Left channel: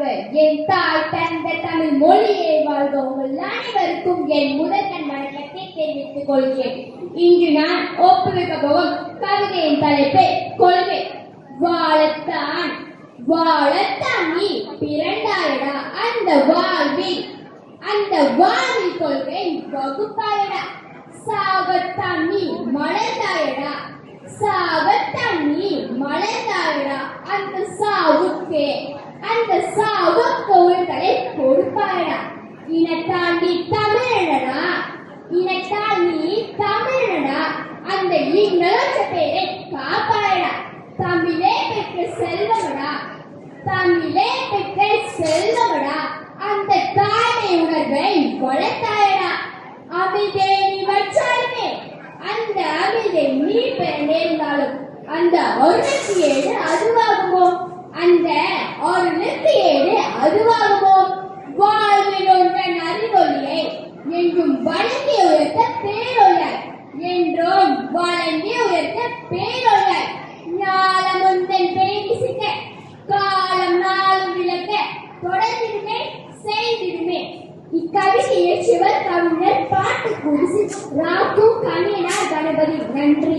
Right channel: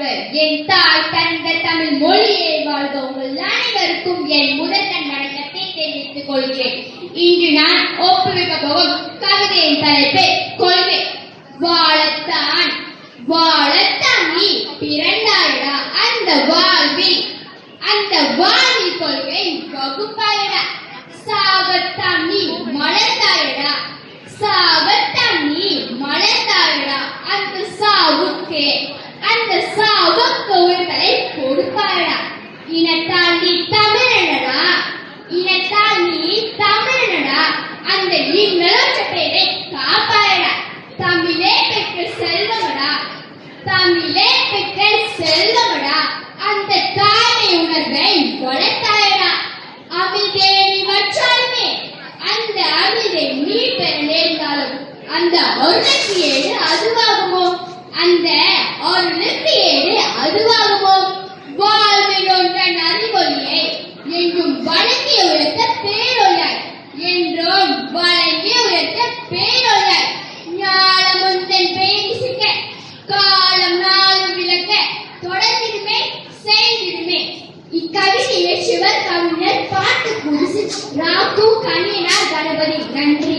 வாழ்க, என் தாய் தந்த தமிழ் மொழியே வாழ்க. உங்கள் அனைவருக்கும் என் முதற்கண் வணக்கத்தை தெரிவித்துக் கொள்கிறேன். இன்று நான் ஒப்புவிக்க போகும் கவிதையின் தலைப்பே கொள்கை. வாழத்தான் வாழத்தான் நீ பிறந்தாயடா, அந்த வாழ்வில் கொள்கை வகுப்பாயடா. சாகத்தான் நீ மலர்ந்தாயடா, சாகத்தான் நீ மலர்ந்தாயடா, அந்த சாவுக்கு உயிர்களை கொடுப்பாயடா. இனத்தால் நீ தமிழனடா, இனத்தால் நீ தமிழனடா, அந்த இன்னலோச்ச பேரை காப்பாயடா. தமிழே பெற்ற செல்வமடா, தமிழே பெற்ற செல்வமடா, அந்த தாய்மை உணர்வை வளர்த்தாயடா. அமிழ்தே நீ வற்றாலுமே அந்த அமிழ்தை நீ பெற நேர்ந்தாலும் அந்த அருளுக்கு ஏடு அதுவாகுமோ, அந்த அருளுக்கு ஏடு அதுவாகுமோ. வாழ்வில் ஒன்றன் அறிவொழியை என்றும் வழங்கி உயர்த்த பேரொழியாய், என்றும் வழங்கி உயர்த்த பேரொழியாய். ஞானம் உந்தன் பேசிக்க காலம் நாளும் விளக்க தொடர்ந்திடுமே செய்திடுமே. இக்கவிதையை சிவர் கவிஞர் பாட்டு குடிசு ராகு கணியனார் கணபதி. நன்றி.